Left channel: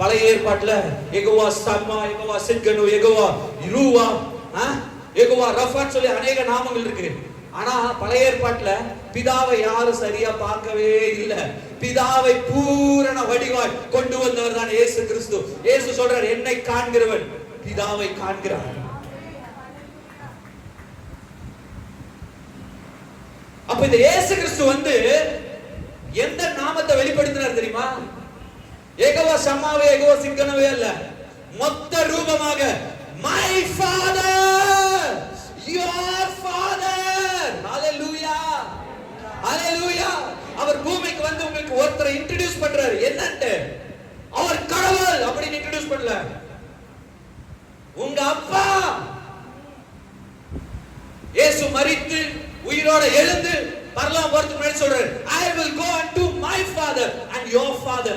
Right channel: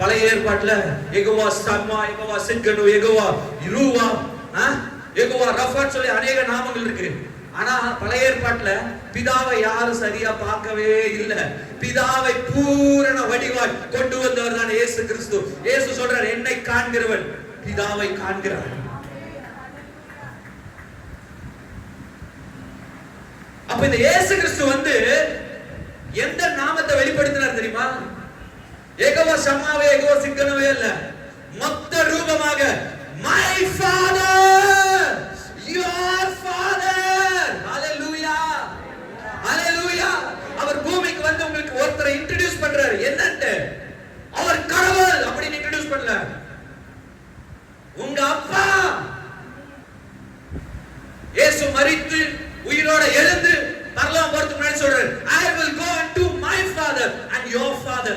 பழைய ஏற்பாட்டுல யெகோவா சம்மா, யெகோவா சித்கனு, யெகோவா யிருவா, யெகோவா ரஃபாத் சொல்லி அநேக நாமங்கள் இருக்கு. ஆனா பழைய ஏற்பாட்டுல பிதாவை யாரும் சரியா பார்க்கவே இல்லை. பிதாவை பூரண வடிவாய் கொண்டு வந்தவர் தான் இயேசு கிறிஸ்து. இயேசு சொல்றார், என்னை காண்கிறவன் பிதாவை காண்கிறான். அப்ப இந்த இயேசு கிறிஸ்து வந்து எந்த நாமத்தை வெளிப்படுத்தினார் தெரியுமா? யெகோவா சம்மாவே, யெகோவா சித்கனவே அல்ல, மொத்த ரூபமாக my father, your father. ஹalleluya, ஹalleluya. அவர் பூமிக்கு வந்து உங்களுக்கு ஒருத்தரை இன்ட்ரோ듀ஸ் பண்றாரு. என்னன்னு? அவர் கடவுள் அப்படி இன்ட்ரோ듀ஸ் பண்ணல. உங்க அப்பா. இயேசு மரித்து உயிரோட எழுந்து பரலோகம் போறதுக்கு முன்னாடி சொல்றாரு, I will go unto my father and your father.